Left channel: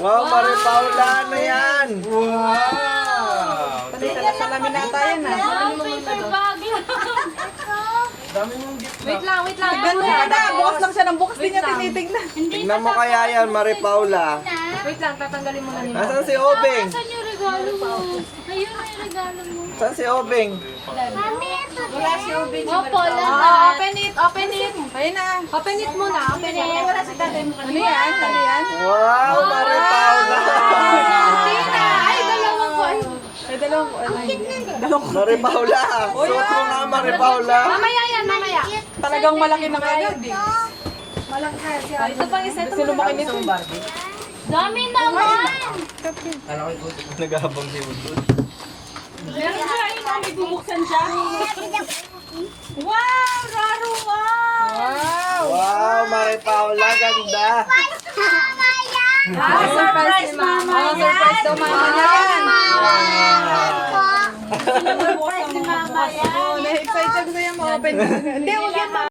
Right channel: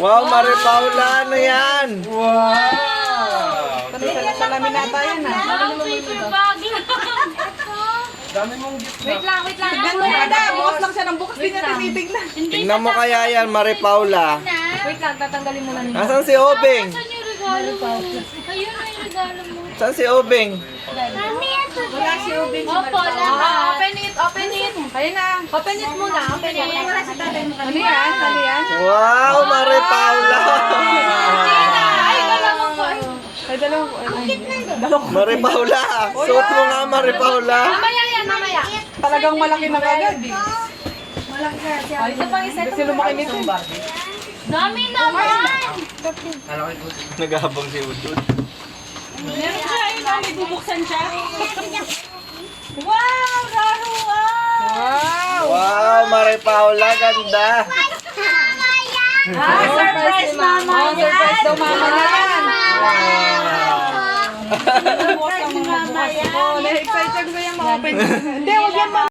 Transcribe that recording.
Wow, Maria Paula, ano yan? Wow! Salamin nata yan ha. Dami mong gift Wait lang. Tignan mo kada, bukas lang siya ng bukas, di niya tinitignan. Tingnan mo kaya yan, Maria Paula. Wait lang, tatanggalin mo na nila. Nasaan si Obeng? Saan yung regalo mo? Ayun na yung regalo mo. Saan si Obeng? Wala si Ubing. Opo, lahat. Open it. Ayun na. Open it muna. Open it. Ano yan? Ano yan? Wow, Maria Paula! Ay, dalawang ko. Ay, dalawang. Maria Paula! Suot mo nga, Maria Paula! Mamaya yan, mamaya. Talagang malaki na agad. Ay, ito pang isa. Kasi lumaki nito. Dami naman! Naghabang si Udod. Meron siya, ayun na, may bubuksan siya. Wow, raro Wow! Wow, Maria Paula, ganda! surprise mama Oh, surprise daw mama yan. Surprise ni mama yan. Oh, na-excite siya gusto niya ma-open. Hindi, huwag yan